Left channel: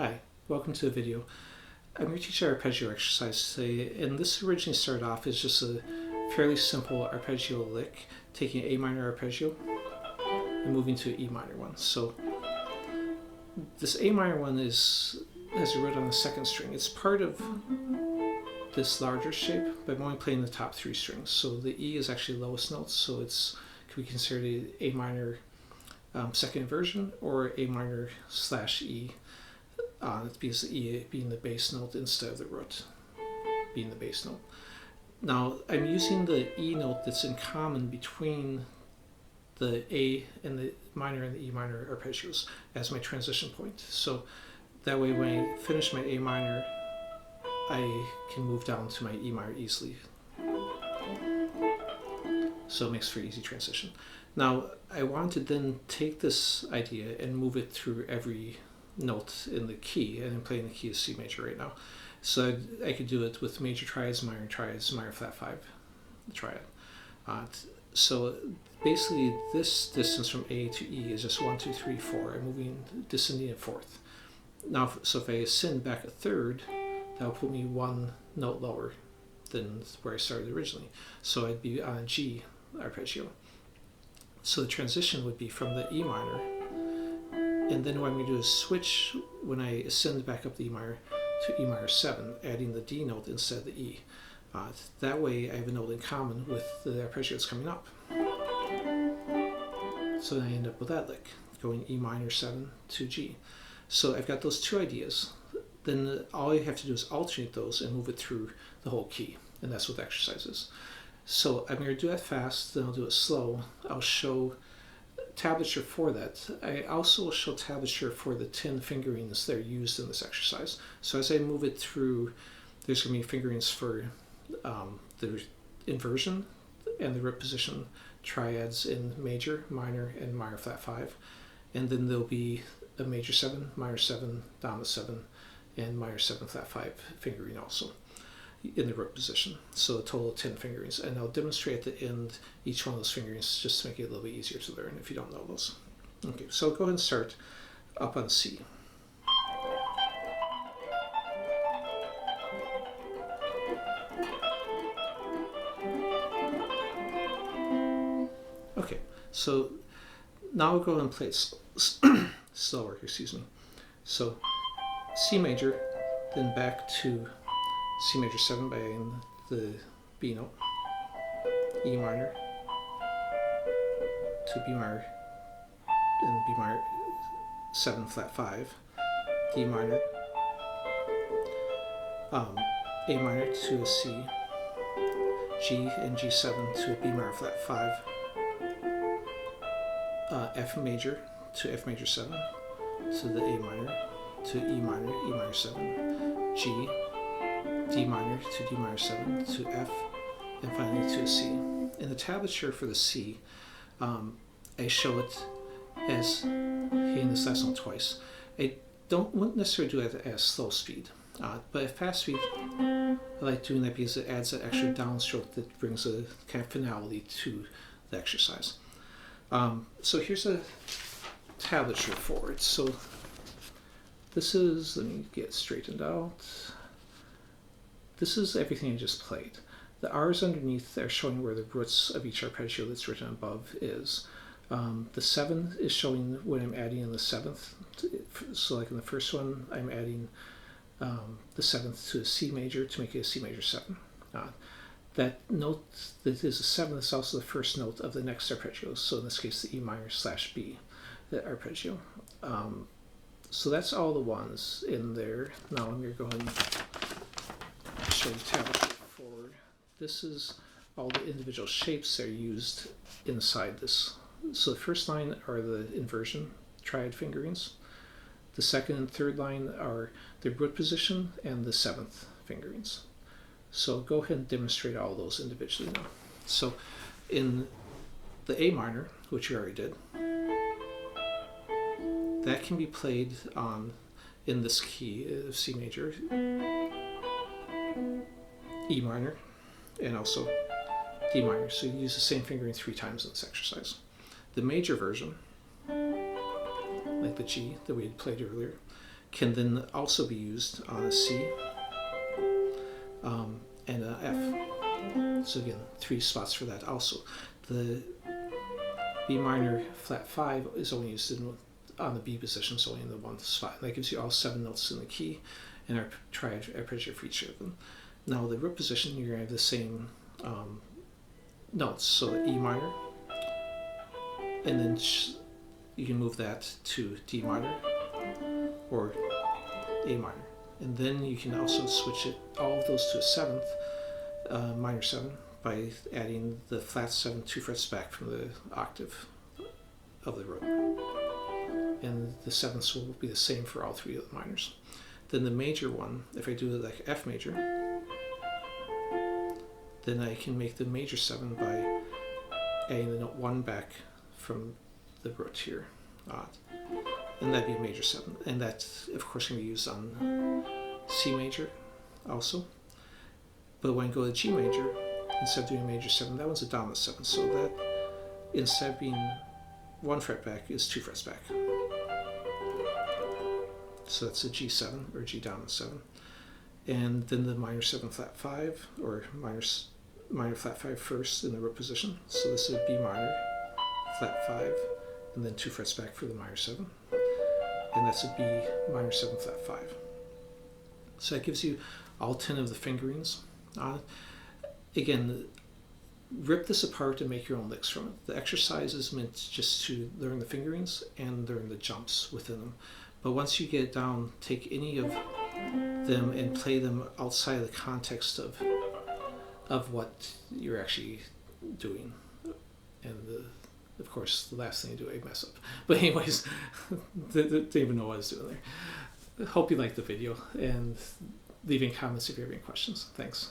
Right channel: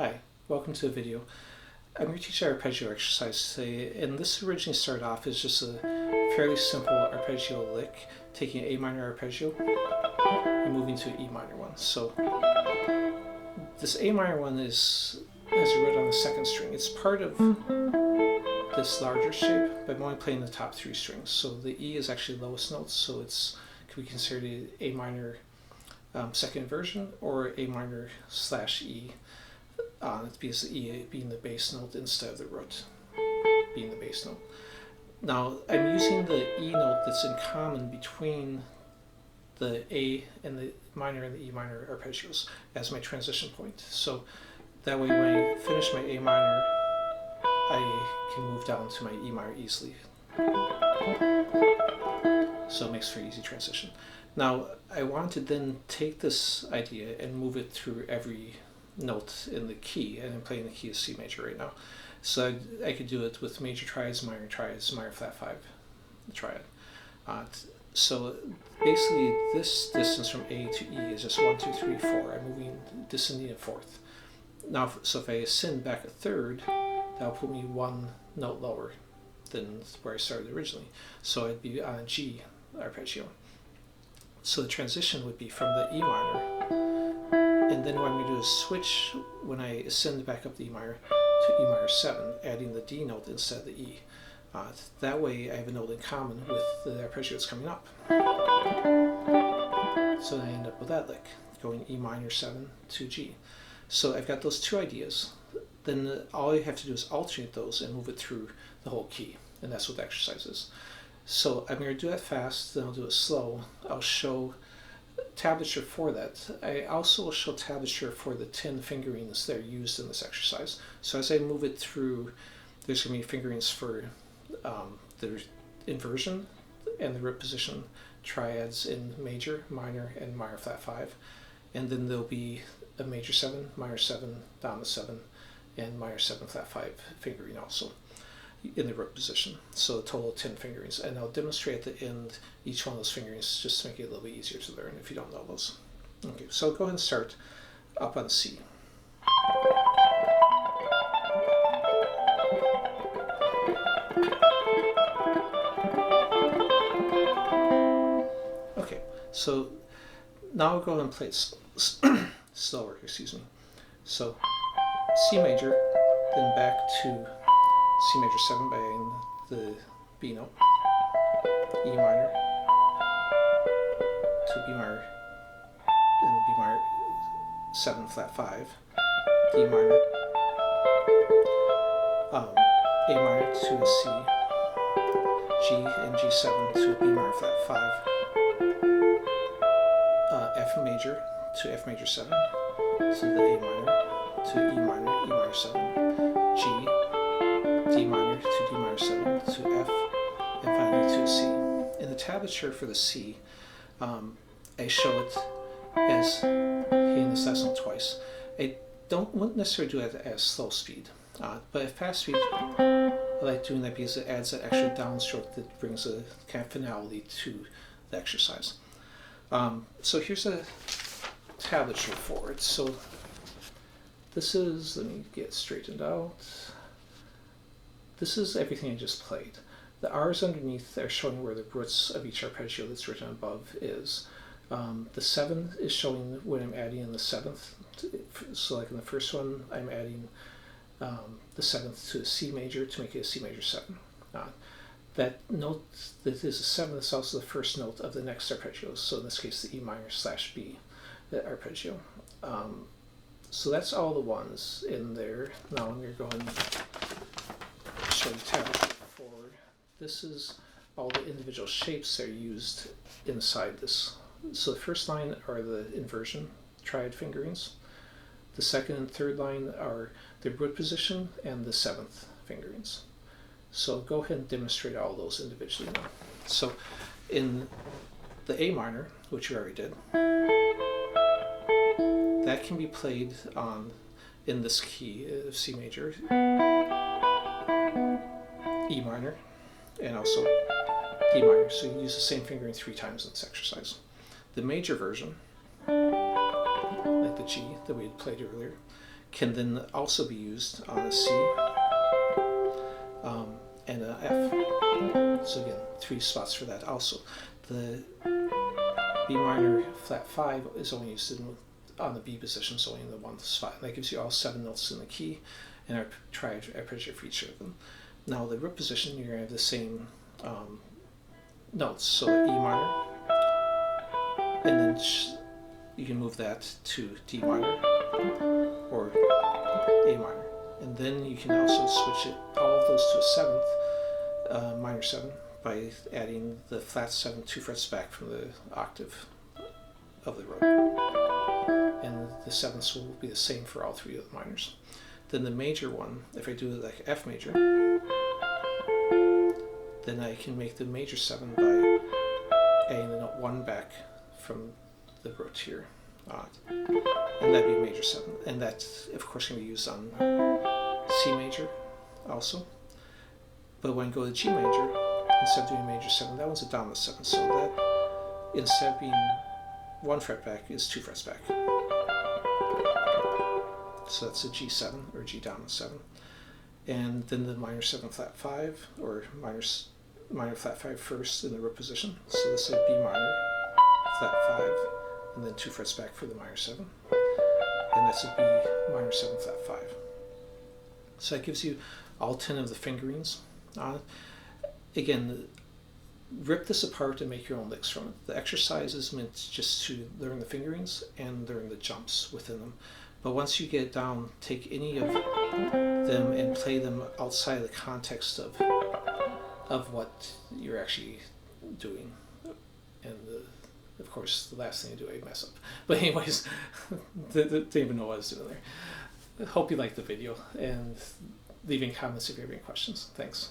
Hi, welcome to the video. I'm going to teach an arpeggio exercise today, and this originally started off as just a fairly simple arpeggio lick, taking an A minor arpeggio and moving to an E minor one. So this A minor one has a root on the second string. It's part of this larger shape, but I'm only playing the top three strings. So the E is actually the lowest note, so it could be considered an A minor second inversion or A minor / E. It's because the E being the bass note instead of the root being the bass note. Now I'm using the E note that's in common between the A and the minor and the E minor arpeggios as my transition point. So that way when I finish my A minor, I can move down to my E minor easily. So it makes for easy transition. Now I want to then take this idea and move it through every note in the key, and I'm playing the key of C major right now. So I could do it with major triads, minor flat 5 triad. So basically this distance from A to E is just 1, 2, 3, 4. I'm moving, descending a fourth. Now, so if I ascend back a third, that'll put me one note lower than where I started originally. So I'd be on a G arpeggio. So the transition would be from the E minor, and then what I'm going to do is switch when I ascend back up the E minor to E minor 7, adding the D note instead of the E. That way I have a note in common with the arpeggio that's coming up. So then I end up with that lick, going E minor 7 to G. So I've got those two ideas. Then all I have to do is alternate those and move it through the whole key, and that's what the exercise is. So I'm going to do that fast, then I'll do it slow. I'll show tablature for that. I also will show tablature for the 10 fingerings that are used in this exercise. So as I move it through, there's going to be fingerings for the inversion and the root position triads in major, minor, and minor flat 5. And then there'll be a major 7, minor 7, dominant 7, and minor 7 flat 5 fingering also in the root position. So a total of 10 fingerings. And I'll demonstrate at the end each one of those fingerings just to make it a little bit easier to learn if you don't know those. Okay, so I'll go ahead and start up on C. Okay, so now I'll go ahead and play it slower, excuse me. So C major, then back to C major 7 by adding the B note, E minor to B minor, and B minor 7 flat 5, D minor, A minor to a C, G and G7 to a B minor flat 5, F major to F major 7 to the A minor to E minor 7, G, D minor to D minor 7 to F, and finally to a C. In the tablature for the C, I show it as hitting this last note twice. I wouldn't necessarily do it at slow speed, but at fast speed, I like doing that because it adds that extra downstroke that brings a kind of finality to the exercise. So here's a tablature for it. So this is, let me get straightened out. This is everything I just played. The R's underneath are showing where the roots of each arpeggio that's written above is. The 7 is showing when I'm adding in the 7th. So like in the first one, I'm adding the 7th to a C major to make it a C major 7. That note that is a 7 is also the first note of the next arpeggio. So in this case, the E minor / B, the arpeggio. So that's all the ones in there. Now I'm going to go ahead and show you tablature forward. This is all the individual shapes that are used inside this. So the first line are the inversion triad fingerings. The second and third line are the root position and the 7th fingerings. So I'll go ahead and demonstrate all those individually now. So in the A minor, which we already did, that can be played on in this key of C major, E minor, and also D minor. So you use the same fingering 3 times in this exercise. The major version, like the G that we had played earlier, can then also be used on a C and an F. So again, 3 spots for that also. The B minor flat 5 is only used on the B position, so only in the 1 spot. And that gives you all 7 notes in the key and our triad arpeggio for each of them. Now the root position, you're going to have the same notes. So E minor, and then you can move that to D minor or A minor. And then you can also switch all of those to a 7th, minor 7, by adding the flat 7 2 frets back from the octave of the root. And the 7ths will be the same for all 3 of the minors. Then the major one, if I do it like F major, then I can make the major 7 by adding the note 1 back from the root here. And that'd be a major 7. And that, of course, can be used on C major also. But when I go to G major, instead of doing a major 7, that one's a dominant 7. So that, instead of being 1 fret back, is 2 frets back. So that's a G7 or G dominant 7. And then the minor 7 flat 5, or minor flat 5 first in the root position. So this is a B minor flat 5, and then 2 frets back for the minor 7. And that's a B minor 7 flat 5. So that gives you all 10 of the fingerings on it. Again, rip this apart and make your own licks from it. The exercise is meant just to learn the fingerings and learn the jumps within them. But once you get it down, take any of them and play them outside of the context of what you're actually doing. And of course, the last thing you do, I mess up. But anyways, didn't even know what I was doing there. Hope you liked the video, and leaving comments if you have any questions. Thanks.